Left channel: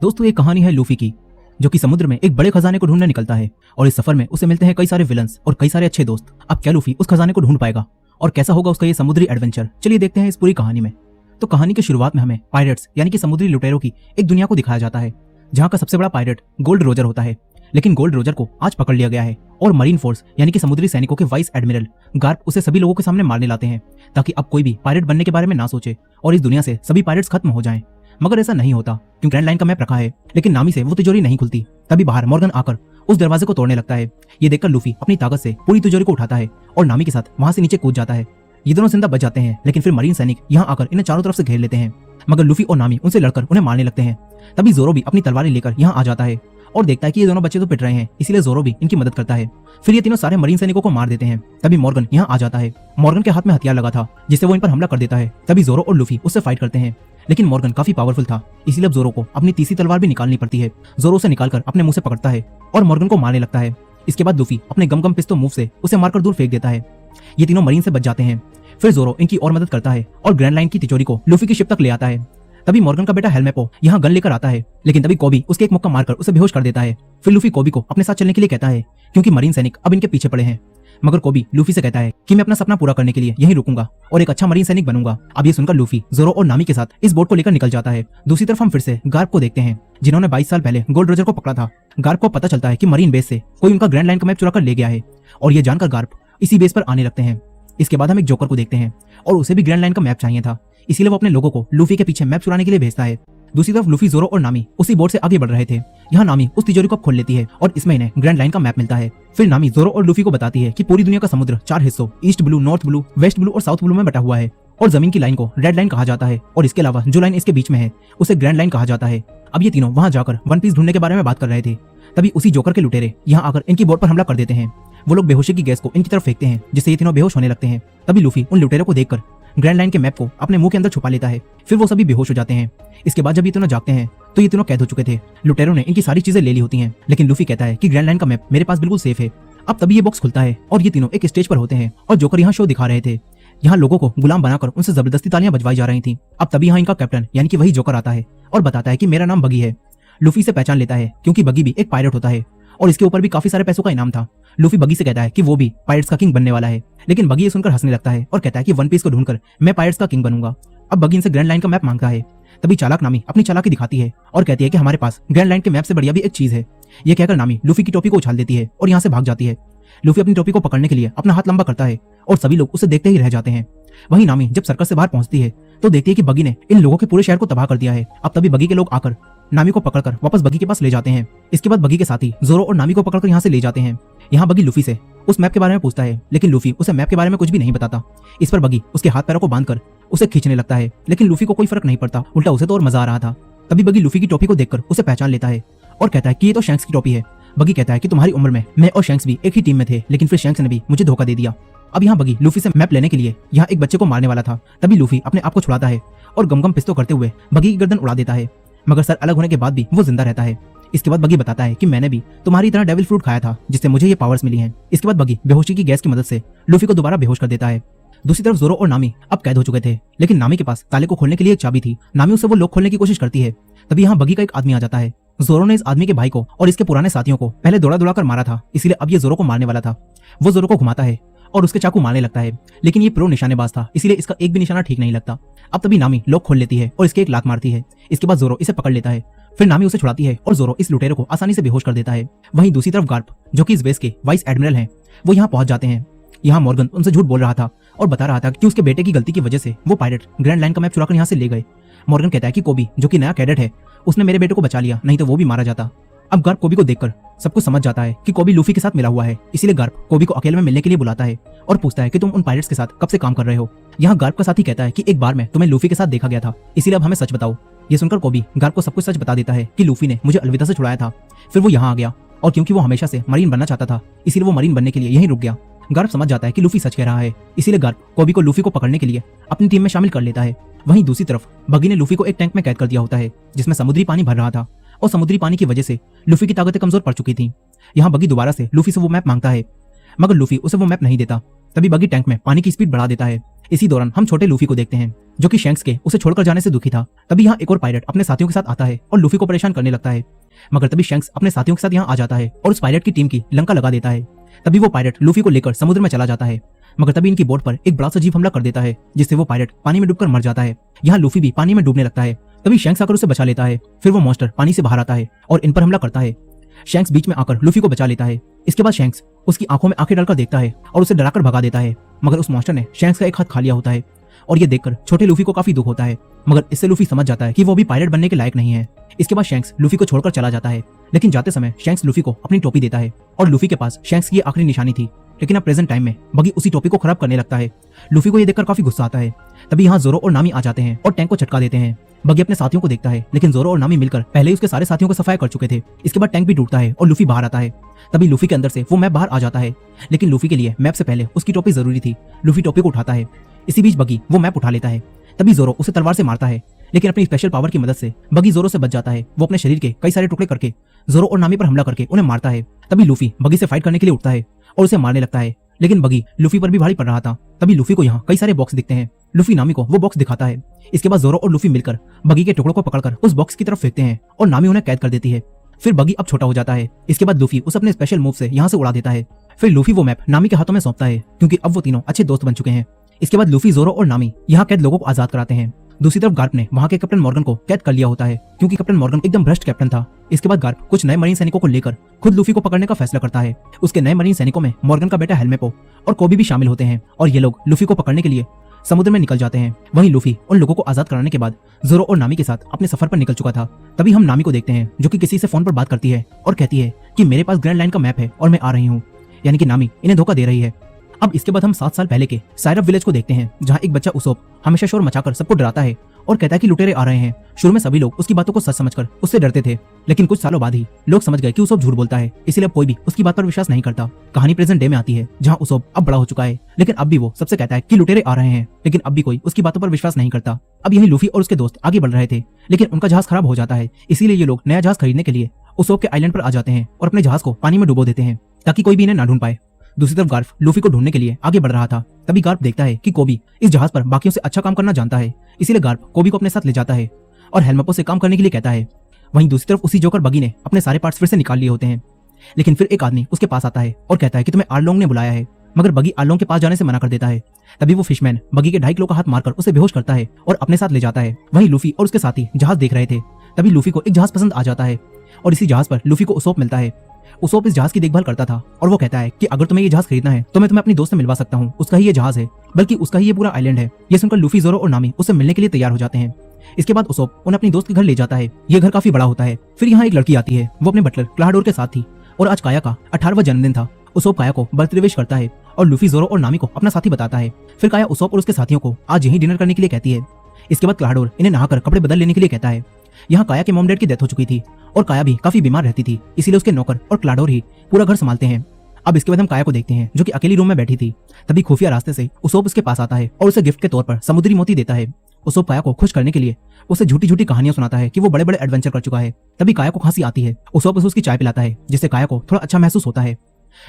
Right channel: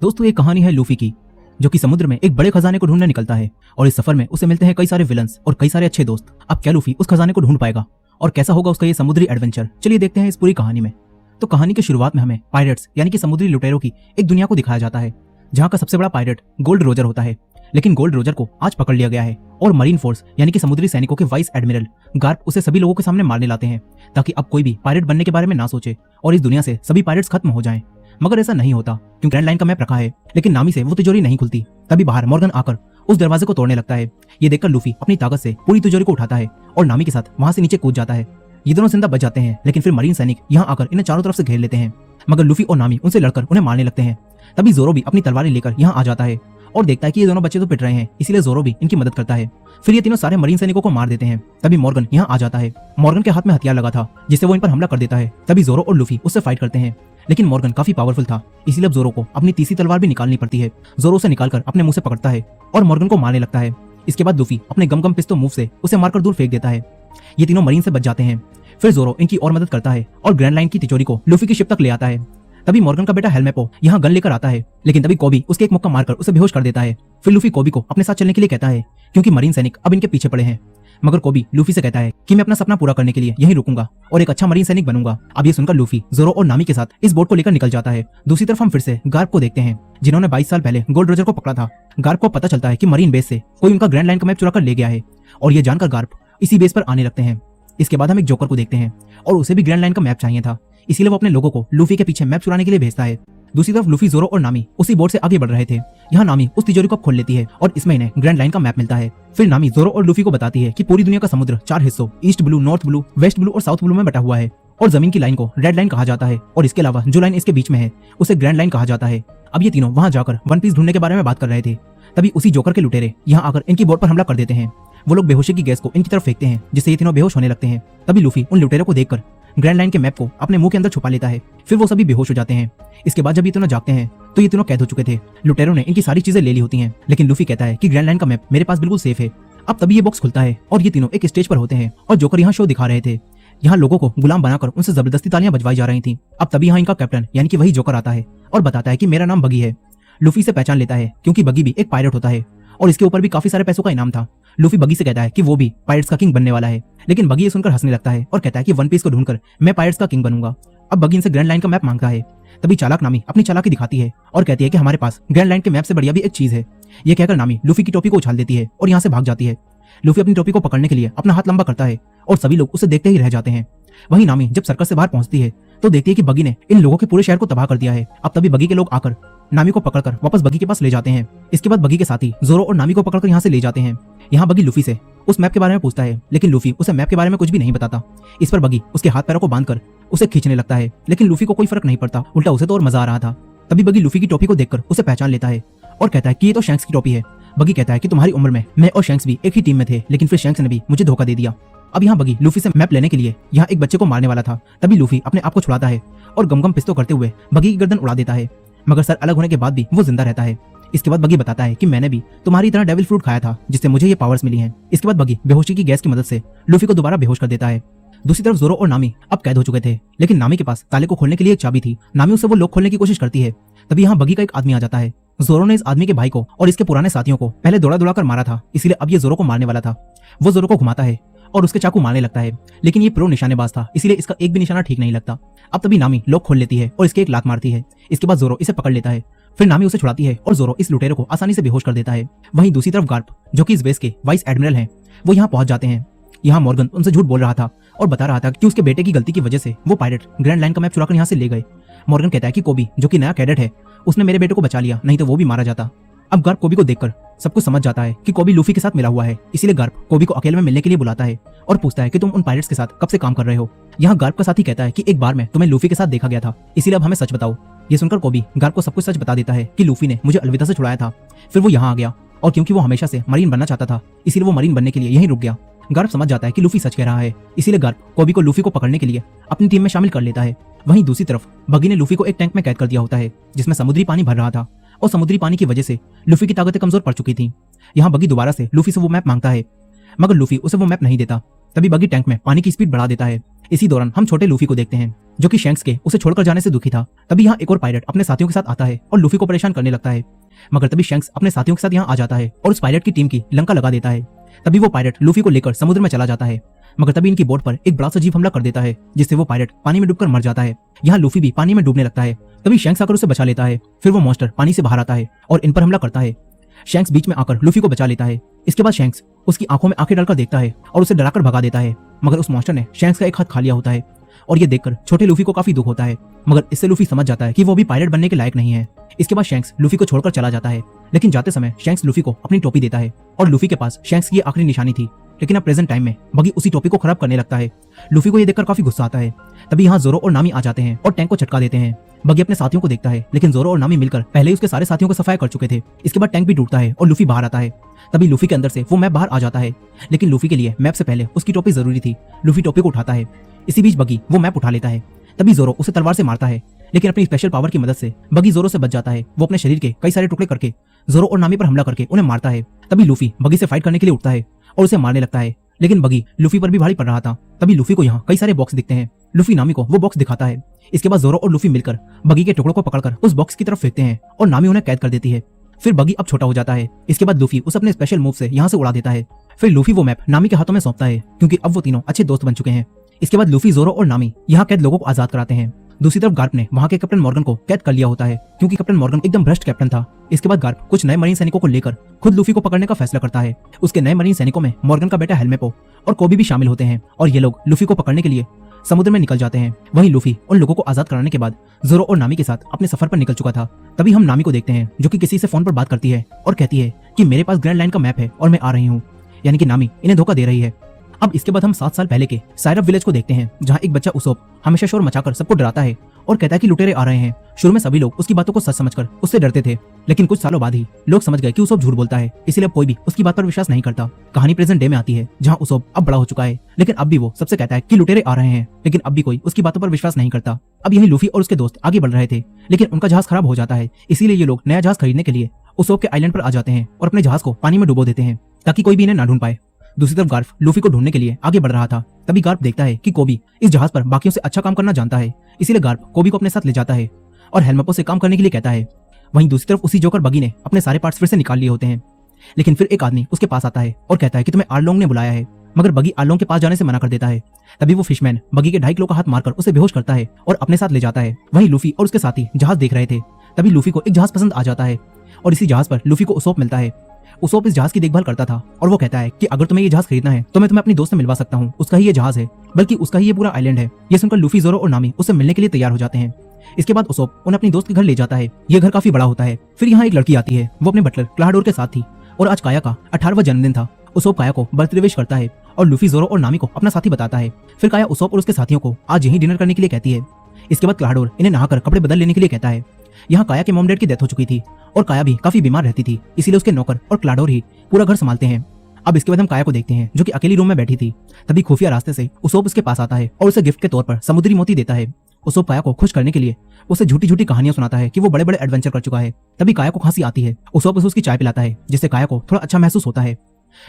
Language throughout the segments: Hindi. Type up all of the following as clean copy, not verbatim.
दोस्तों, एक कहानी है लूफी की, जो कि समुद्र में एक बड़े खजाने को ढूंढने निकलता है और इस सफर में उसे मिलते हैं कई सारे विलन्स और कई सारे अच्छे दोस्त। अब क्या लूफी उस खजाने को ढूंढ पाएगा और कैसा होगा उसका ये समुद्री एडवेंचर? चलिए देखते हैं इस पूरी कहानी में। तो कहानी की शुरुआत में हमें पायरेट्स यानी कि समुद्री लुटेरों की एक दुनिया को दिखाया जाता है, जहाँ का सबसे बड़ा पायरेट गोल्ड रोजर होता है। लेकिन गोल्ड रोजर को आज पकड़ लिया गया है और मरीन फोर्स यानी कि समुद्री सैनिकों के वाइस एडमिरल गार्प उसे सभी लोगों के सामने मारने लाते हैं, ताकि अब कोई भी पायरेट बनने के बारे में ना सोचे और इस दुनिया से सभी पायरेट्स खत्म हो जाएं। मगर ऐसा नहीं होता, क्योंकि ग्रैंड लाइन का मैप रखा है, लेकिन नामी से वो तिजोरी नहीं खुलती। तभी बाहर मॉर्गन आकर उस दरवाजे को तोड़ने लगता है। ये देखकर लूफी अपनी ताकत से पूरी तिजोरी को उठाता है और नामी के साथ वहां से नीचे कूद जाता है। ये दोनों जिंदा बच जाते हैं, लेकिन फिर मरीन सैनिक यहाँ आकर इन्हें चारों तरफ से घेर लेते हैं। मगर लूफी और नामी उनसे लड़कर उन्हें मारने लगते हैं। तभी जोरो भी अपनी तलवारें लेकर यहाँ आ जाता है और देखता है कि ये दोनों बच्चे तो पिट रहे हैं, इसीलिए जोरो भी इनकी मदद करता है। फिर ये तीनों सारे मरीन सैनिकों को मार देते हैं। तभी मॉर्गन यहाँ आ जाता है। मॉर्गन के हाथ में हथियार लगा था, जिससे वो इन पर हमला कर देता है। तभी जोरो और लूफी उससे फाइट करते हैं, लेकिन मॉर्गन काफी पावरफुल था, इसलिए अब जोरो को अपनी तीसरी तलवार भी निकालनी पड़ती है। जोरो उसे निकालकर अपने मुंह से पकड़ता है और मॉर्गन को मारने लगता है। इसके बाद लूफी अपने गम पिस्तौल मूव से उसे मारकर दूर फेंक देता है। ये तीनों मरीन से बच जाते हैं। फिर जोरो इनकी और मदद करता है और ग्रैंड लाइन की तिजोरी को लूफी की शिप तक ले आता है। तभी मॉर्गन का बेटा हेलमेपो यहाँ गन लेकर आता है, लेकिन तभी कोबी उसके एक मुक्का मारकर उसे बेहोश कर देता है। फिर लूफी कोबी को अपने साथ चलने के लिए कहता है, क्योंकि मरीन सैनिक अब इनके पीछे पड़े हैं। मगर कोबी लूफी से कहता है कि मैं अपना सपना पूरा करने के लिए यहीं रुकूंगा और एक अच्छा मरीन सैनिक बनूंगा। अब ये सुनकर लूफी जोरो और नामी के साथ इस बोट को लेकर निकल जाता है। दूसरी तरफ हम फिर से गार्प को देखते हैं, जिन्होंने 22 साल पहले गोल्ड रोजर को पकड़ा था। गार्प को पता चलता है कि मरीन बेस से कोई उनका ग्रैंड लाइन का मैप चुरा कर ले गया है और ये जानकर गार्प इसी बेस पर आने लगते हैं। इसके बाद हम एक जोकर को देखते हैं और उसे भी ग्रैंड लाइन का मैप चाहिए था, इसलिए वो अपने लोगों को लूफी के पीछे मैप चुराने के लिए भेजता है। दूसरी तरफ लूफी, जोरो और नामी उसी बोट से आगे बढ़ रहे थे। यहाँ नामी उस तिजोरी को खोल लेती है और इसमें इन्हें ग्रैंड लाइन का मैप मिलता है। फिर नामी जोरो और लूफी को बताती है कि पूरी दुनिया का समुद्र 4 हिस्सों east blue, north blue, west blue और साउथ ब्लू में बटा हुआ है और जमीन की लाइन को रेड लाइन कहा जाता है और इसके अलावा जो लाइन इसके बीच में है उसे ग्रैंड लाइन कहा जाता है। अब ये तीनों वहाँ जाकर वन पीस ढूंढने के बारे में बात कर रहे थे। तभी उसी जोकर के लुटेरे यहाँ आकर इनकी बोट पर हमला कर देते हैं। वो लोग बेहोशी की गैस को इनकी तरफ फेंकते हैं, जिससे ये तीनों बेहोश होने लगते हैं। तभी लूफी उन लुटेरों को देखकर ग्रैंड लाइन के मैप को अपने मुंह के अंदर छुपा लेता है। फिर वो सभी बेहोश हो जाते हैं। इसके बाद जब ये तीनों जागते हैं तो ये तीनों कैद हो चुके थे। लुटेरों ने इनकी सारी चीजें ले ली होती हैं, लेकिन लूफी कहता है कि ग्रैंड लाइन का मैप मेरे पास बिल्कुल सेफ है। अब तभी ये बॉक्स खुलता है और ये तीनों एक स्टेज पर होते हैं और जोकर यहाँ शो दिखा रहे थे। यहाँ लोगों को गुलाम बनाकर उनसे जबरदस्ती तालियां बजवाई जा रही थी। अब तभी यहाँ इनका कैप्टन यानी कि वही जोकर आता है और बताता है कि मेरा नाम बगी है। लूफी से पहचान लेता है, क्योंकि बगी भी एक पायरेट होता है और इसके ऊपर भी काफी सारे पैसों का इनाम था। लूफी बगी से कहता है कि वो भी पायरेट्स का किंग बनने वाला है, लेकिन बगी ये सुनकर हंसने लगता है और कहता है कि वन पीस को ढूंढकर मैं पायरेट्स का किंग बनूंगा। अब बगी इनसे ग्रैंड लाइन का मैप मांगता है। तभी चालाक नामी अपनी चालाकी दिखाती है और कहती है कि हमारे पास ग्रैंड लाइन के मैप से बढ़िया भी एक चीज है। ये कहकर नामी लूफी की टोपी को उछाल देती है और यहाँ से भाग जाती है। लूफी अपनी टोपी को पकड़ने के लिए अपना हाथ लंबा करता है और सभी लोग उसे देखते ही रह जाते हैं। वहीं नामी जब सर्कस से बाहर पहुंचती है तो देखती है कि बगी ने इन लोगों के पूरे शहर को तबाह कर दिया है। अब तभी बगी के लोग आकर नामी को पकड़कर वापस बगी के पास ले जाते हैं। इसके बाद बगी के साथी जोरो और नामी को पकड़कर यहाँ से ले जाते हैं। यहाँ बगी लूफी से उस मैप के बारे में पूछता है, लेकिन लूफी उसे मैप के बारे में कुछ भी नहीं बताता। इस पर बगी उसके हाथ पैरों को बांधकर उसे खींचने लगता है, लेकिन लूफी को कोई फर्क नहीं पड़ता, उल्टा उसे तो और मजा आ रहा था। तभी बगी लूफी की टोपी को देखकर उसे पहचान लेता है और कहता है कि ये तो शैंक्स की टोपी है। बगी कहता है कि तुम्हारी उम्र में मैं और शैंक्स भी एक ही टीम में थे, लेकिन फिर शैंक्स ने भी मुझे धोखा दे दिया। अब यहाँ बगी लूफी से मैप लेने के लिए यहाँ एक बच्चे को मारने वाला था। तभी लूफी अपने आप को छुड़ाता है और गम पिस्तौल करते हुए बगी की गर्दन उड़ा देता है, मगर सर अलग होने के बाद भी वो जिंदा रहता है। इसके बाद बगी बताता है कि मैंने भी तुम्हारी तरह डेविल फ्रूट खाया था, जिससे मुझे ये पावर्स मिली हैं। इसके बाद बगी बेहोशी की गैस की मदद से लूफी को दोबारा बेहोश कर देता है। दूसरी तरफ जोरो और नामी अब कैद हो चुके थे, लेकिन नामी के पास ताले को खोलने के लिए एक चाबी थी। नामी उसे वो लोग खोलने की कोशिश करती है। तभी यहाँ बगी का एक आदमी आ जाता है। जोरो ने इस आदमी के भाई को और इसके पुराने साथियों को पहले दौड़ा दौड़ा कर मारा था, इसलिए अब ये जोरो को मारने वाला था। वो जोरो को घुमाता है और उसके चाकू मारने लगता है, लेकिन ये प्रो निशानेबाज था, इसीलिए इसका एक भी निशाना ठीक नहीं लगता। अब तभी नामी लोग खोल लेती है और इसके एक लात मारती है। इसके बाद जोरो इसे पकड़ लेता है। फिर नामी उसे छुड़ाती है और जोरो इस लुटेरे को आसानी से बेहोश कर देता है। वहीं दूसरी तरफ गार्प, जो कि इस बेस के वाइस एडमिरल हैं, वो यहाँ पहुंच जाते हैं। यहाँ मॉर्गन उनसे झूठ बोल रहा था और बता रहा था कि उसके बेटे की गलती की वजह से वो पायरेट ग्रैंड लाइन का मैप चुराकर यहाँ से ले गए। मॉर्गन कहता है कि कोबी, जो कि नया कैडेट है, उसने मेरे बेटे को बचा लिया, नहीं तो वो भी मारा जाता। अब गार्प कोबी को देखकर सब कुछ समझ जाता है कि कोबी लूफी के साथ मिला हुआ है, इसीलिए गार्प कोबी को अकेले में मिलने के लिए बुलाता है और पूछता है कि तुम उन पायरेट्स के साथ कब से काम कर रहे हो। यहाँ गार्प का साथी कहता है कि एक बार में तुम्हें लूफी के साथ देखा गया था, इसीलिए अब हमें सच बताओ। ये सुनकर कोबी गार्प को सब कुछ सच बता देता है कि लूफी ने मुझे अलविदा से छुड़ाया था, फिर वो यहाँ आ गया और क्योंकि वो हमेशा से मरीन बनना चाहता था, इसीलिए वो मरीन बनने के लिए यहीं रुक गया। गार्प समझ जाता है कि लूफी सच कह रहा है, इसीलिए गार्प कोबी को लूफी को पकड़ने के लिए अपनी टीम में शामिल कर लेता है। वहीं दूसरी तरफ बगी ने लूफी को एक टैंक में कैद कर दिया होता है, जिसमें समुद्री पानी भर रहा था और समुद्री पानी की वजह से लूफी की ताकतें कमजोर पड़ चुकी थी। यहाँ बगी दोबारा से लूफी से वो मैप मांगता है, मगर लूफी उसे वो मैप नहीं देता। तभी बगी टैंक में पानी की स्पीड बढ़ा देता है। इसी दौरान हम छोटे लूफी को देखते हैं, जो कि शैंक्स के उसे छोड़कर जाने से दुखी था। तभी यहाँ एक और पायलट अपने साथियों के साथ आता है और लूफी को परेशान करने लगता है। मगर तभी शैंक्स अपने साथियों के साथ यहाँ आ जाता है और उस पायलट की टीम की लंका लगा देता है। तभी वो पायलट लूफी को लेकर समुद्र में चला जाता है। मगर तभी इनकी बोट पर एक बड़ा सा जीव हमला कर देता है, जिससे वो पायलट पानी में डूबकर मर जाता है। यहाँ लूफी भी पानी में डूबने लगता है। तभी शैंक्स आकर उसे बचा लेता है। फिर वो मॉन्स्टर पानी से बाहर आता है और इन पर हमला करता है। शैंक्स बीच में आकर लूफी को बचा लेता है। इसके बाद शैंक्स उसकी आंखों में आंखें डालकर देखता है और उसे डराकर भगा देता है। मगर उस मॉन्स्टर ने शैंक्स का एक हाथ खा लिया होता है और ये देखकर छोटे लूफी को काफी दुख होता है। मगर इससे लूफी समझ जाता है कि वो भी पायलट बनने के लायक नहीं है। इसके बाद शैंक्स लूफी को छोड़कर चला जाता है। लेकिन जाते समय शैंक्स लूफी को अपनी टोपी देता है और लूफी के पास शैंक्स की आखिरी निशानी थी। लेकिन अब प्रेजेंट टाइम में बगी उसी टोपी को खराब करने लगता है। लूफी को ये देखकर काफी गुस्सा आता है। तभी यहाँ जोरो और नामी आ जाते हैं और टैंक को चटका देते हैं। बगी अपने साथियों को देखता है, लेकिन जोरो और नामी मिलकर पहले ही उसके सारे साथियों को सफाया कर चुके थे। इसके बाद टैंक भी टूटता है और लूफी बाहर आता है। तभी लूफी के अंदर से वो मैप बाहर आ जाता है, लेकिन लूफी के लिए मैप से पहले उसकी टोपी जरूरी थी। लूफी टोपी को उठाता है। इसी बीच बगी वो मैप उठा लेता है। तभी जोरो उसे तलवार से मारता है, लेकिन अपनी स्पेशल पावर की मदद से बगी जोरो से बच जाता है। वो अपने शरीर के कई सारे टुकड़े करके जोरो और नामी पर हमला करके उन्हें मारता है। तभी लूफी बगी से फाइट करने के लिए उठता है और उसे मारने लगता है, लेकिन बगी लूफी पर भी भारी पड़ रहा था। तभी लूफी को यहाँ कई सारे बॉक्स दिखते हैं। लूफी नामी को वो बॉक्स दिखाता है। इसके बाद जोरो और लूफी मिलकर बगी के टुकड़ों को पकड़कर उस बॉक्स की तरफ फेंकते हैं और नामी उन्हें कैद कर देती है। फिर बगी अब छोटा हो जाता है। इसके बाद लूफी उसे अपने स्पेशल मूव से यहाँ से उड़ा देता है। फिर लूफी वो मैप नामी के हाथों में सौंपता है, क्योंकि अब वो तीनों अच्छे दोस्त बन चुके हैं। इसके बाद लूफी, जोरो और नामी यहाँ कैद लोगों को आजाद कराते हैं। दूसरी तरफ गार्प ने वहाँ के कैप्टन मॉर्गन को कैद कर लिया होता है, क्योंकि कैप्टन मॉर्गन एकदम भ्रष्ट कैप्टन था। इसके बाद गार्प कुछ नए मरीन सैनिकों को लेकर खुद लूफी को पकड़ने का फैसला करता है। उसके नए मरीन सैनिकों में मॉर्गन का बेटा हेलमेपो और कोबी भी शामिल होते हैं और ये लोग लूफी को पकड़ने के लिए समुद्र में निकल जाते हैं। वहीं लूफी उन लोगों को आजाद कराने के बाद जोरो और नामी के साथ अपने सफर पर निकल चुका था। तभी हम नामी को देखते हैं, जो कि किसी से फोन पर बात करती है और कहती है कि मेरे पास ग्रैंड लाइन का मैप है और मैं आ रही हूँ। यानी कि नामी इन्हें धोखा दे रही है। अब इसके बाद हम 7 साल पहले के साइरप विलेज को देखते हैं, जहाँ एक बच्चा उसोप हमेशा शोर मचाकर सबको डराता है और कहता है कि लुटेरे आ रहे हैं। शुरू में सभी लोग उसकी बातों को सच समझकर उससे डरते थे, लेकिन कुछ सालों बाद ही लोग समझ गए कि उसोप झूठ बोलता है, इसलिए अब कोई भी उसकी बात पर विश्वास नहीं करता। कहानी प्रेजेंट डे में आती है, जहाँ उसोप अब बड़ा हो चुका है, लेकिन अब भी वो सबसे कहता है कि लुटेरे आ रहे हैं, लेकिन अब भी कोई उसकी बातों पर विश्वास नहीं करता। अब यही लूफी और उसके दोस्त आगे बढ़ रहे थे, लेकिन उनका जहाज खराब हो जाता है। इसीलिए ये लोग नया जहाज खरीदने के लिए उसोप के आइलैंड पर आ जाते हैं और अपने जहाज को पानी में डुबो देते हैं, ताकि कोई भी इन्हें ना ढूंढ पाए। दूसरी तरफ गार्प लूफी को ढूंढने के लिए आगे बढ़ रहा था। तभी गार्प देखता है कि कोबी इस जहाज पर बाकियों से अच्छा काम करना जानता है, इसीलिए गार्प कोबी को अपने साथ ले जाता है और हेलमेपो से काम करने के लिए कहता है। वहीं दूसरी तरफ उसी जोकर बगी ने अपने सारे पार्ट्स फिर से निकाल लिए होते हैं, लेकिन फिर एक आदमी उसके पास आता है और कहता है कि तुम्हें आर्लोंग ने बुलाया है, मगर बगी आर्लोंग के पास जाने से मना कर देता है। तभी वो फिशमैन बगी के 2.5 किलो का हाथ मारकर उसे बेहोश करता है और अपने साथ ले जाता है। वहीं लूफी और उसके साथी जहाज देख रहे थे। तभी लूफी को एक जहाज पसंद आ जाता है और इसी जहाज पर लूफी को उसोप मिलता है। उसोप इस जहाज की देखभाल करता था और वो कहता है कि अगर तुम्हें ये जहाज खरीदना है तो मैं तुम्हें अपने दोस्त से मिलवा सकता हूँ, उसका ही ये जहाज है, बल्कि उसका ही ये पूरा आइलैंड है। ये सुनकर लूफी, जोरो और नामी उससे मिलने के लिए तैयार हो जाते हैं। इसके बाद उसोप उन्हें अपनी दोस्त के घर ले जाता है। ये घर काफी बड़ा होता है। फिर यहाँ एक लड़की आती है, वो अपने बटलर क्लाडोर के साथ थी और आज काया का 18वां जन्मदिन था। उसोप काया को बर्थडे विश करता है और लूफी, जोरो और नामी को अपना साथी बताता है। फिर काया उसोप और उसके साथियों को आज यहीं डिनर करने के लिए कहती है। इसके बाद क्लाडोर इन्हें नहाकर कपड़े बदल लेने के लिए कहता है। यहाँ काया की मॉम डैड की डेथ हो चुकी थी और काया भी काफी बीमार रहती थी, इसीलिए उसके नौकर और क्लाडोर ही पूरा घर संभालते हैं। अब इसके बाद हम काया को देखते हैं, जो कि अकेली रूम में बैठी थी। तभी खुफिया रास्ते से उसोप उसके पास आता है और उसे गिफ्ट के तौर पर समुद्री मोती देता है। उसोप काया को खुश करने के लिए उसे झूठी झूठी कहानियां सुनाता है कि वो बड़े बड़े एडवेंचर कर चुका है। तभी काया को खांसी आती है। उसोप उसे उसकी चाय पिलाता है, जिससे काया को थोड़ा अच्छा महसूस होता है।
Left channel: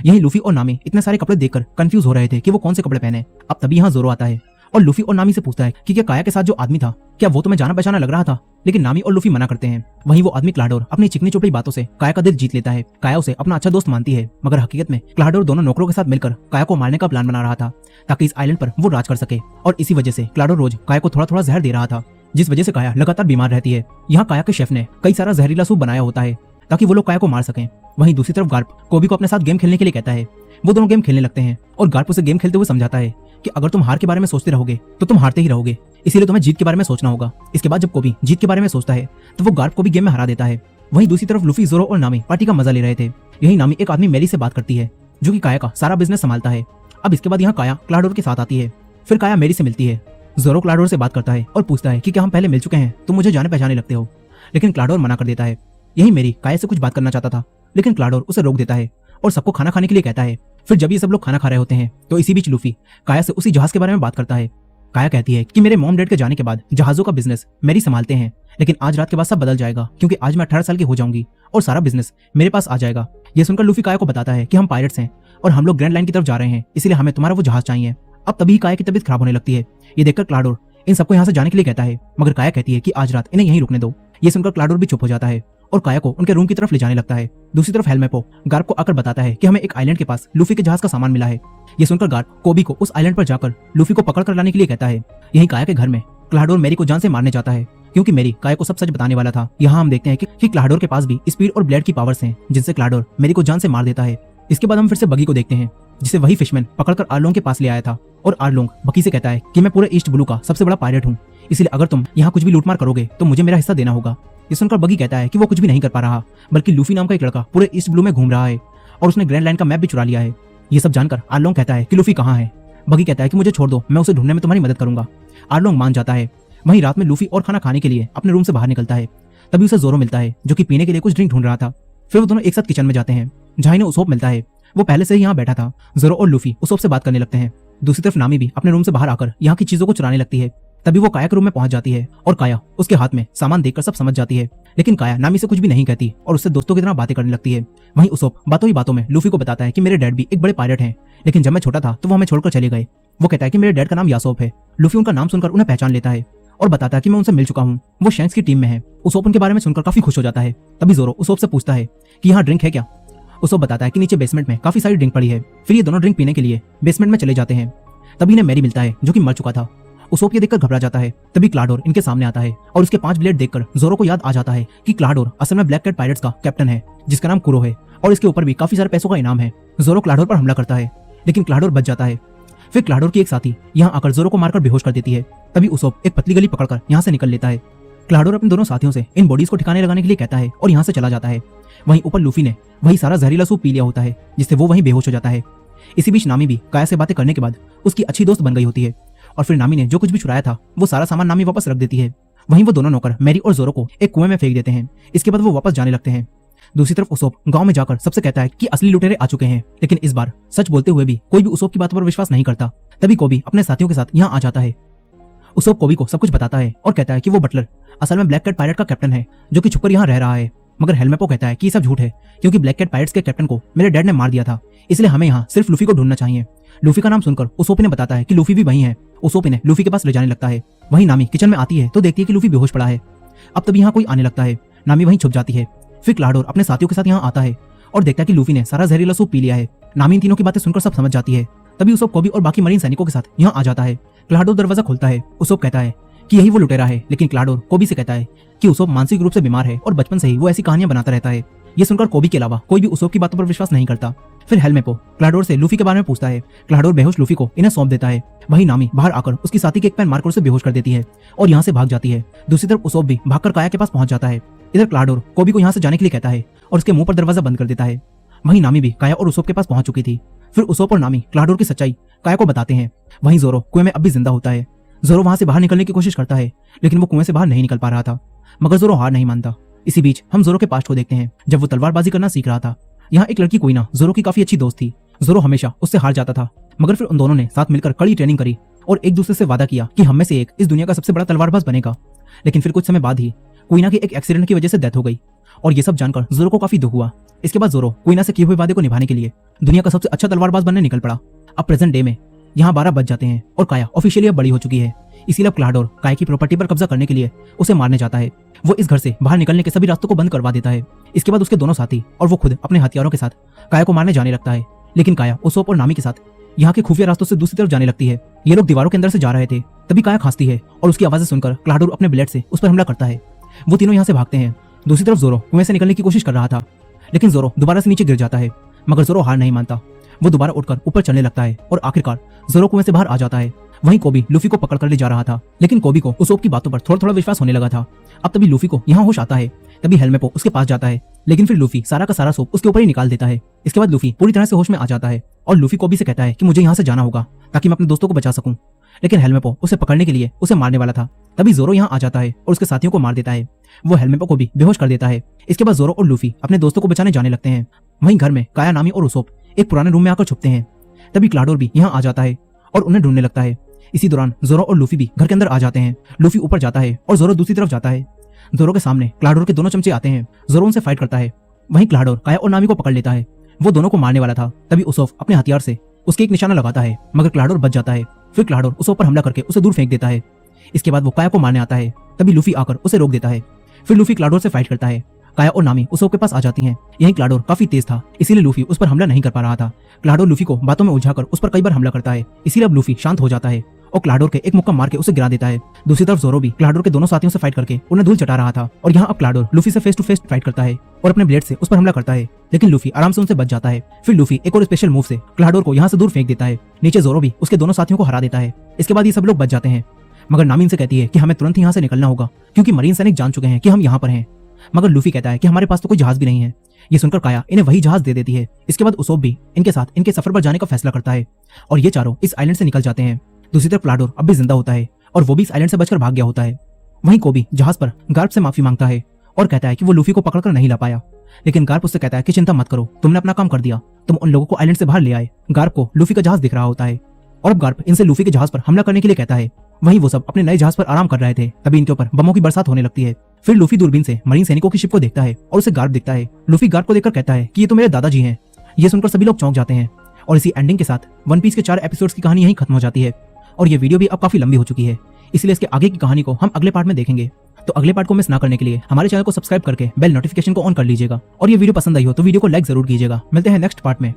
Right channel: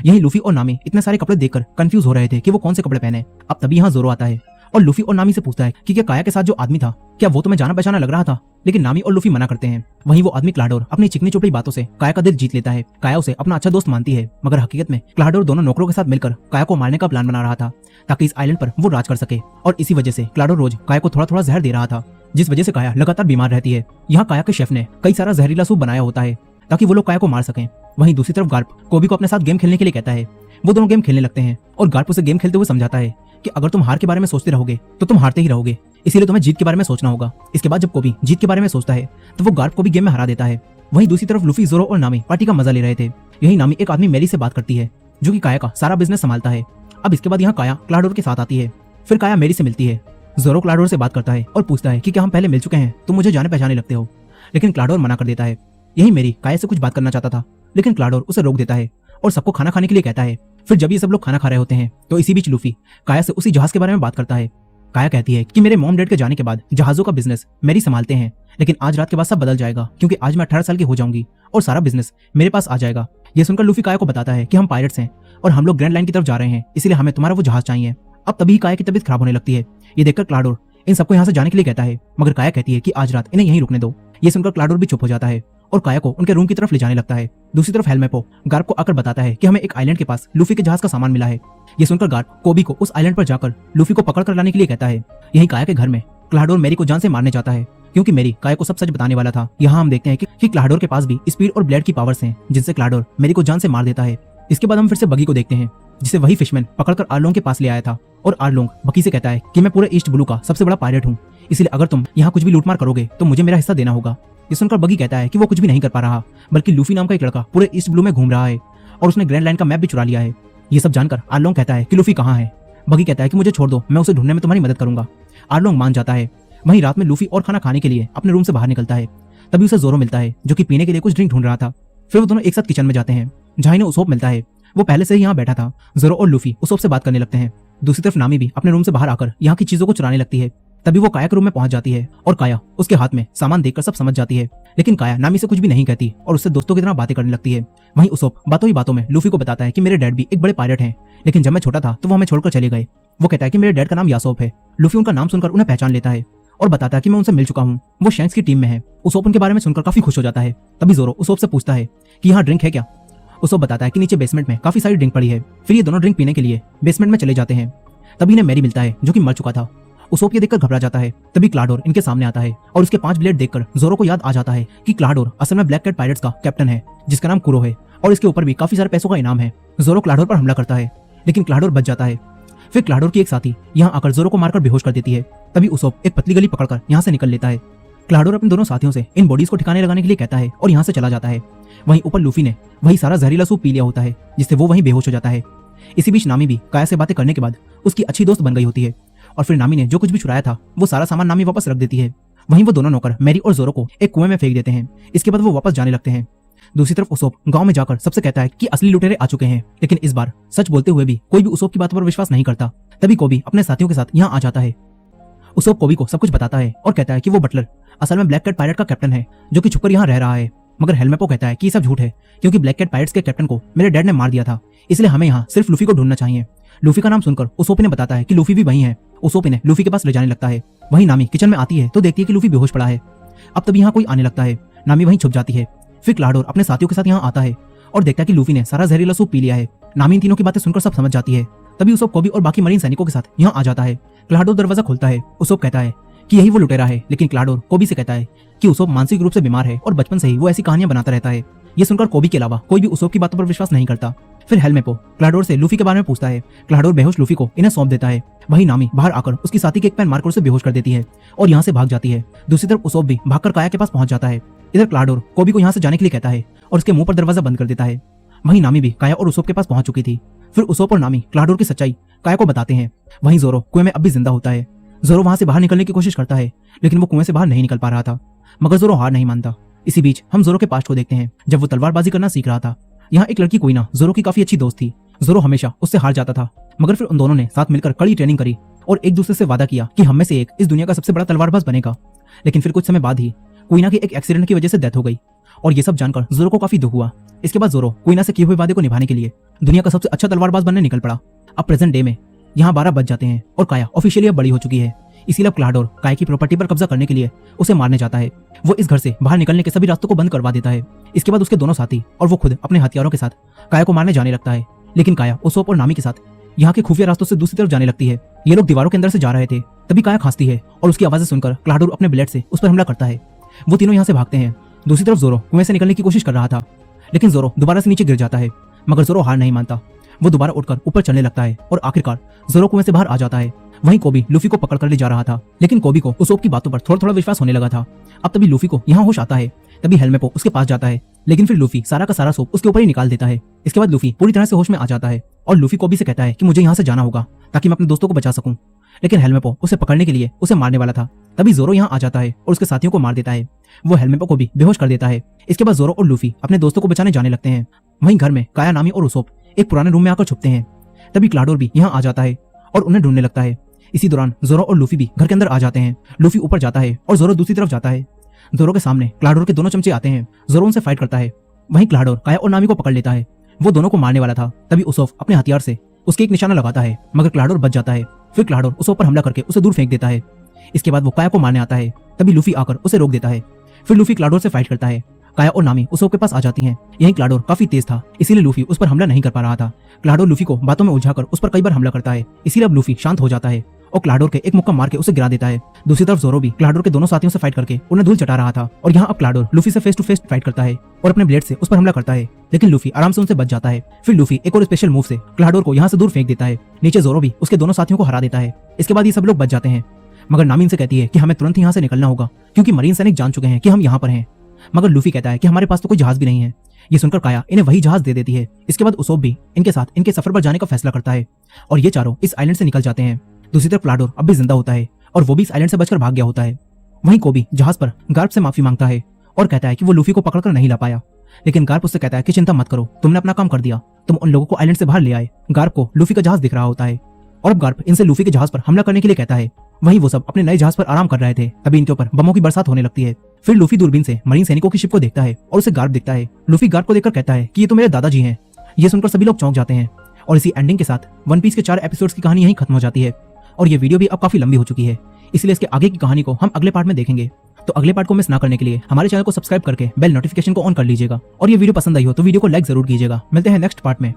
यही लूफी और नामी इतने सारे कपड़े देखकर कंफ्यूज हो रहे थे कि वो कौन से कपड़े पहने। अब तभी यहाँ जोरो आता है और लूफी और नामी से पूछता है कि क्या काया के साथ जो आदमी था, क्या वो तुम्हें जाना पहचाना लग रहा था। लेकिन नामी और लूफी मना करते हैं। वहीं वो आदमी क्लाडोर अपनी चिकनी चुपड़ी बातों से काया का दिल जीत लेता है। काया उसे अपना अच्छा दोस्त मानती है, मगर हकीकत में क्लाडोर दोनों नौकरों के साथ मिलकर काया को मारने का प्लान बना रहा था, ताकि इस आइलैंड पर वो राज कर सके। और इसी वजह से क्लाडोर रोज काया को थोड़ा थोड़ा जहर दे रहा था, जिस वजह से काया लगातार बीमार रहती है। यहाँ काया के शेफ ने कई सारा जहरीला सूप बनाया होता है, ताकि वो लोग काया को मार सकें। वहीं दूसरी तरफ गार्प कोबी को अपने साथ गेम खेलने के लिए कहता है। वो दोनों गेम खेलने लगते हैं और गार्प उसे गेम खेलते हुए समझाता है कि अगर तुम हार के बारे में सोचते रहोगे तो तुम हारते ही रहोगे, इसीलिए तुम्हें जीत के बारे में सोचना होगा। इसके बाद जब कोबी जीत के बारे में सोचता है तो वो गार्प को भी गेम में हरा देता है। वहीं दूसरी तरफ लूफी, जोरो और नामी पार्टी का मजा ले रहे थे। यही नामी एक आदमी मेली से बात करती है, जो कि काया का सारा बिजनेस संभालता है। अब इसके बाद यहाँ काया क्लाडोर के साथ आती है। फिर काया मेरी से मिलती है। जोरो क्लाडोर से बात करता है और पूछता है कि क्या हम पहले मिल चुके हैं, तुम मुझे जाने पहचाने लगते हो। लेकिन क्लाडोर मना कर देता है। यही मेरी काया से कुछ बात करना चाहता था, लेकिन क्लाडोर उसे रोक देता है और सबको खाना खाने के लिए कहता है। फिर जब ये सब लोग खाना खा रहे होते हैं तो इसी बीच लूफी काया से उसी जहाज के बारे में बात करता है। काया कहती है कि मेरे मॉम डैड के जाने के बाद जहाजों का बिजनेस मेरी संभालते हैं, लेकिन आज रात के बाद सब बदल जाएगा, क्योंकि आज मैं 18 साल की हो जाऊंगी और सारा बिजनेस मेरे पास आ जाएगा। ये सुनकर लूफी काया को बताता है कि हम पायरेट्स हैं और हम लोग ग्रैंड लाइन की तरफ जा रहे हैं, इसलिए हमें तुम्हारा वो जहाज चाहिए। अब तभी काया की तबीयत खराब होने लगती है। ये देखकर क्लाडोर इन सबको यहाँ से जाने के लिए कहता है, मगर काया कहती है कि आज रात इन्हें यहीं रुकने दो। ये सुनकर क्लाडोर भी चुप हो जाता है और काया को उनके रूम की तरफ ले जाने लगता है। दूसरी तरफ हेलमेपो गार्प को आकर बताता है कि हमें एक आइलैंड के पास लूफी के जहाज का सामान मिला है। ये सुनकर गार्प कोबी को उस आइलैंड पर जाकर लूफी को पकड़ कर लाने के लिए कहता है। यहीं काया के घर में क्लाडोर मेरी को जान से मारने जाता है, क्योंकि मेरी काया को सब सच बताने वाला था। यहाँ हम देखते हैं कि क्लाडोर के पास भी स्पीड और ब्लेड की पावर्स हैं, जिनसे क्लाडोर मेरी को जान से मार देता है। इसके बाद हम फिर से बगी को देखते हैं, जिसे वही फिशमैन पकड़कर आर्लोंग के पास ले आया था। और आर्लोंग बगी से कहता है कि मैं पूरे ईस्ट ब्लू का सबसे बड़ा पायरेट हूँ, इसलिए अगर तुम यहाँ कुछ भी लूटमार करोगे तो मुझे मेरा हिस्सा देना होगा। ये सुनकर बगी कहता है कि वो कुछ भी नहीं कर पा रहा, बल्कि लूफी नाम का एक लड़का पूरे ईस्ट ब्लू में घूम रहा है और उसने ग्रैंड लाइन का मैप भी चुरा लिया है। ये सब जानकर आर्लोंग कहता है कि लूफी कहाँ है। बगी कहता है कि मुझे छोड़ दो, मैं उसे ढूंढने में तुम्हारी मदद करूंगा। आर्लोंग मान जाता है। वहीं रात में लूफी और खाना खाने के लिए अपने रूम से बाहर निकलता है। तभी उसे जोरो मिलता है, जो कि पीने के लिए कुछ ड्रिंक ढूंढ रहा था। फिर वो दोनों एक साथ किचन में जाते हैं, जहाँ इन्हें उसोप मिलता है। वो पहले से ही यहाँ बैठा था। जोरो और लूफी उसोप से बात करने लगते हैं। दूसरी तरफ नामी भी अपने रूम से बाहर आकर यहाँ की चीजों को चुराने लगती है। तभी वो काया के रूम में पहुंच जाती है और काया उसके हाथ में सामान देखकर सब समझ जाती है, लेकिन काया नामी से कुछ भी नहीं कहती और उससे दोस्तों की तरह बातें करने लगती है। वहीं उसोप बातों ही बातों में लूफी को बताता है कि मेरे डैड भी एक बड़े पायलट हैं, लेकिन जब मैं छोटा था तो वो हमें छोड़कर चले गए। वो कहता है कि मेरे डैड का नाम यासोप है। लूफी उनका नाम सुनकर उन्हें पहचान लेता है और बताता है कि मैं उनसे मिल चुका हूँ, वो शैंक्स की टीम में है। उसोप उनके बारे में सुनकर काफी खुश हो जाता है। तभी जोरो उसोप से पूछता है कि यहाँ ड्रिंक है क्या। उसोप बताता है कि नीचे बेसमेंट में काफी सारी ड्रिंक पड़ी है। फिर ये दोनों ड्रिंक पीने के लिए बेसमेंट में चले जाते हैं। तभी इन्हें मैरी मिलता है, जो कि मर चुका था। उसोप ये देखकर घबरा जाता है। तभी क्लाडोर इनके सामने आता है और उसके 5 ब्लेड देखकर जोरो को याद आ जाता है कि क्लाडोर असल में ब्लैक कैट पायरेट्स का कैप्टन है, जिसका नाम कुरो है और इसके ऊपर भी काफी सारे पैसों का इनाम है। जोरो क्लाडोर पर हमला करता है, लेकिन क्लाडोर बच जाता है। फिर क्लाडोर की एक साथी यहाँ आकर जोरो को मारकर बेहोश कर देती है। तभी उसोप एक पतली गली पकड़कर यहाँ से निकल लेता है। क्लाडोर अपने दोनों साथियों से इन बॉडीज को ठिकाने लगाने के लिए कहता है और यहाँ से चला जाता है। वहीं ऊपर लूफी ने वही सारा जहरीला सूप पी लिया होता है, जिससे वो वहीं बेहोश हो जाता है। इसी बीच नामी भी काया से बातें करने के बाद उसकी अच्छी दोस्त बन गई होती है और फिर नामी ने जो कुछ भी चुराया था वो सारा सामान नामी वापस रख देती है। वहीं वो दोनों नौकर मैरी और जोरो को एक कुएं में फेंक देते हैं। इसके बाद वो वापस जाने लगते हैं। दूसरी तरफ उसोप गांव में जाकर सबसे कहता है कि असली लुटेरे आ चुके हैं, लेकिन इस बार सच बोलते हुए भी कोई भी उसोप की बातों पर विश्वास नहीं करता। तभी कोबी अपने साथियों के साथ यहाँ आ जाता है। उसोप कोबी को सब कुछ बताता है और कहता है कि वो बटलर असल में ब्लैक कैट पायरेट का कैप्टन है, जो कि छुपकर यहाँ रह रहा है। मगर हेलमेपो कहता है कि ये सब झूठ है, क्योंकि ब्लैक कैट पायरेट्स के कैप्टन को मेरे डैड ने मार दिया था, इसलिए हमें यहाँ सिर्फ लूफी को ढूंढना चाहिए। लूफी का नाम सुनकर उसोप ने बताता है कि लूफी भी वही है। उसोप ने लूफी के पास ले जाने लगता है। वहीं नामी किचन में आती है तो देखती है कि लूफी बेहोश पड़ा है। अब तभी यहाँ कोई आने लगता है। नामी वहीं छुप जाती है। फिर क्लाडोर अपने साथियों के साथ यहाँ आता है और देखता है कि लूफी ने सारा जहरीला सूप पी लिया है। नामी इन तीनों की बातें सुनकर सब समझ जाती है। तभी उसोप कोबी और बाकी मरीन सैनिकों के साथ यहाँ आ जाता है। क्लाडोर दरवाजा खोलता है। उसोप कहता है कि यही वो लुटेरा है, लेकिन क्लाडोर कोबी से कहता है कि उसोप मानसिक रूप से बीमार है और बचपन से ही वो ऐसी कहानियां बनाता रहता है। ये सुनकर कोबी के अलावा कोई भी उसोप की बातों पर विश्वास नहीं करता। फिर हेलमेपो क्लाडोर से लूफी के बारे में पूछता है। क्लाडोर बेहोश लूफी को इन्हें सौंप देता है। वहीं नामी बाहर आकर उसकी साथी के एक पैन मारकर उसे बेहोश कर देती है और यहाँ से भाग जाती है। दूसरी तरफ उसोप भी भागकर काया के पास पहुंच जाता है। इधर क्लाडोर कोबी को यहाँ से जाने के लिए कहता है और उसके मुंह पर दरवाजा बंद कर देता है। वहीं नामी भी काया और उसोप के पास पहुंच चुकी थी। फिर उसोप और नामी क्लाडोर की सच्चाई काया को बताते हैं। वहीं जोरो कुएं में अब भी जिंदा होता है। जोरो वहां से बाहर निकलने की कोशिश करता है, लेकिन वो कुएं से बाहर नहीं निकल पा रहा था। मगर जोरो हार नहीं मानता। इसी बीच हम जोरो के पास्ट को देखते हैं, जब वो तलवारबाजी करना सीख रहा था। यहाँ एक लड़की क्वीना जोरो की काफी अच्छी दोस्त थी। जोरो हमेशा उससे हार जाता था, मगर फिर उन दोनों ने साथ मिलकर कड़ी ट्रेनिंग करी और एक दूसरे से वादा किया कि हम में से एक इस दुनिया का सबसे बड़ा तलवारबाज बनेगा। लेकिन फिर कुछ समय बाद ही क्वीना की एक एक्सीडेंट की वजह से डेथ हो गई और ये सब जानकर जोरो को काफी दुख हुआ। इसके बाद जोरो क्वीना से किए हुए वादे को निभाने के लिए दुनिया का सबसे अच्छा तलवारबाज बनने निकल पड़ा। अब प्रेजेंट डे में यहाँ 12 बज जाते हैं और काया ऑफिशियली अब बड़ी हो चुकी है। इसीलिए क्लाडोर काया की प्रॉपर्टी पर कब्जा करने के लिए उसे मारने जाता है। वो इस घर से बाहर निकलने के सभी रास्तों को बंद करवा देता है। इसके बाद उसके दोनों साथी और वो खुद अपने हथियारों के साथ काया को मारने जाने लगता है, लेकिन काया उसोप और नामी के साथ यहाँ के खुफिया रास्तों से दूसरी तरफ जाने लगती है। ये लोग दीवारों के अंदर से जा रहे थे। तभी काया खांसती है और उसकी आवाजें सुनकर क्लाडोर अपने ब्लेड से उस पर हमला करता है। वो तीनों यहाँ से भागते हैं। दूसरी तरफ जोरो कुएं से निकलने की कोशिश कर रहा था, लेकिन जोरो दोबारा से नीचे गिर जाता है। मगर जोरो हार नहीं मानता। वो दोबारा उठकर ऊपर चलने लगता है और आखिरकार जोरो कुएं से बाहर आ जाता है। वहीं कोबी लूफी को पकड़ कर ले जा रहा था, लेकिन कोबी को उसोप की बातों पर थोड़ा थोड़ा विश्वास होने लगा था। अब तभी लूफी को यहाँ होश आता है। तभी हेलमेपो उसके पास जाता है, लेकिन फिर लूफी सारा का सारा सोप उसके ऊपर ही निकाल देता है। इसके बाद लूफी पूरी तरह से होश में आ जाता है और लूफी कोबी से कहता है कि मुझे यहाँ से जाना होगा ताकि मैं अपने दोस्तों को बचा सकूं। लेकिन हेलमेपो उसे पकड़ने के लिए उसे मारने वाला था। तभी जोरो यहाँ आ जाता है और उसके साथियों को मार देता है। वो हेलमेपो को भी बेहोश कर देता है। इसके बाद जोरो और लूफी अपने दोस्तों को बचाने जाने लगते हैं। वहीं घर में काया, नामी और उसोप एक पुराने रूम में आकर छुपते हैं। तभी क्लाडोर भी यहाँ आ जाता है और उन्हें ढूंढने लगता है। इसी दौरान जोरो और लूफी भी घर के अंदर आ जाते हैं। लूफी ऊपर जाता है और जोरो दूसरी तरफ जाता है। जोरो के सामने क्लाडोर के दोनों चमचे आते हैं। जोरो उनसे फाइट करता है। वहीं क्लाडोर काया और नामी को पकड़ लेता है। वो दोनों को मारने वाला था। तभी उसोप अपने हथियार से उसके एक निशाना लगाता है, मगर क्लाडोर बच जाता है। फिर क्लाडोर उसोप पर हमला करके उसे दूर फेंक देता है। इसके बाद वो काया को मारने आता है। तभी लूफी आकर उसे रोक देता है। फिर लूफी क्लाडोर से फाइट करता है। काया और नामी उस के पास आ जाती हैं। यही क्लाडोर काफी तेज था, इसीलिए लूफी उस पर हमला नहीं कर पा रहा था। क्लाडोर लूफी को बातों में उलझाकर उस पर कई बार हमला करता है, इसीलिए अब लूफी शांत हो जाता है और क्लाडोर के एक मुक्का मार के उसे गिरा देता है। दूसरी तरफ ज़ोरो भी क्लाडोर के दोनों साथियों से फाइट करके उन्हें धूल चटा रहा था और यहाँ अब क्लाडोर लूफी से फेस टू फेस फाइट करता है और अपने ब्लेड से उस पर हमला करता है, लेकिन लूफी आराम से उनसे बच जाता है। फिर लूफी एक और स्पेशल मूव से क्लाडोर को यहाँ से दूर फेंक देता है। नीचे ज़ोरो भी उसके दोनों साथियों को हरा देता है। इसके बाद ये सब लोग बच जाते हैं, मगर नामी इनसे कहती है कि हमें तुरंत यहाँ से निकलना होगा क्योंकि मरीन सैनिक जान चुके हैं कि हम यहाँ पर हैं। मगर लूफी कहता है कि हमारे पास तो कोई जहाज भी नहीं है। ये सुनकर काया इन्हें वही जहाज दे देती है। इसके बाद उसोप भी इनके साथ इनके सफर पर जाने का फैसला करता है और ये चारों इस आइलैंड से निकल जाते हैं। दूसरी तरफ क्लाडोर अब भी जिंदा होता है और वो भी इस आइलैंड से बचकर भाग गया होता है। वहीं कोबी जहाज पर गार्प से माफी मांगता है और कहता है कि वो लूफी को पकड़कर नहीं ला पाया, लेकिन गार्प उससे कहता है कि चिंता मत करो, तुमने अपना काम कर दिया, तुम उन लोगों को आइलैंड से बाहर ले आए। गार्प को लूफी का जहाज दिख रहा होता है और अब गार्प इनसे लूफी के जहाज पर हमला करने के लिए कहता है। वहीं वो सब अपने नए जहाज पर आराम कर रहे थे, तभी इनके ऊपर बमों की बरसात होने लगती है। फिर लूफी दूरबीन से मरीन सैनिकों की शिप को देखता है और उसे गार्प दिखता है। लूफी गार्प को देखकर कहता है कि ये तो मेरे दादाजी हैं। ये सुनकर सभी लोग चौंक जाते हैं और इसी एंडिंग के साथ वन पीस के 4 एपिसोड्स की कहानी यहीं खत्म हो जाती है। और ये वीडियो भी अब काफी लंबी हो चुकी है, इसलिए इसके आगे की कहानी को हम अगले पार्ट में देखेंगे। तो अगले पार्ट को मिस ना करने के लिए हमारे चैनल को सब्सक्राइब करके बेल नोटिफिकेशन को ऑन कर लीजिएगा और ये वीडियो पसंद आई हो तो वीडियो को लाइक जरूर कीजिएगा। मिलते हैं नेक्स्ट पार्ट में।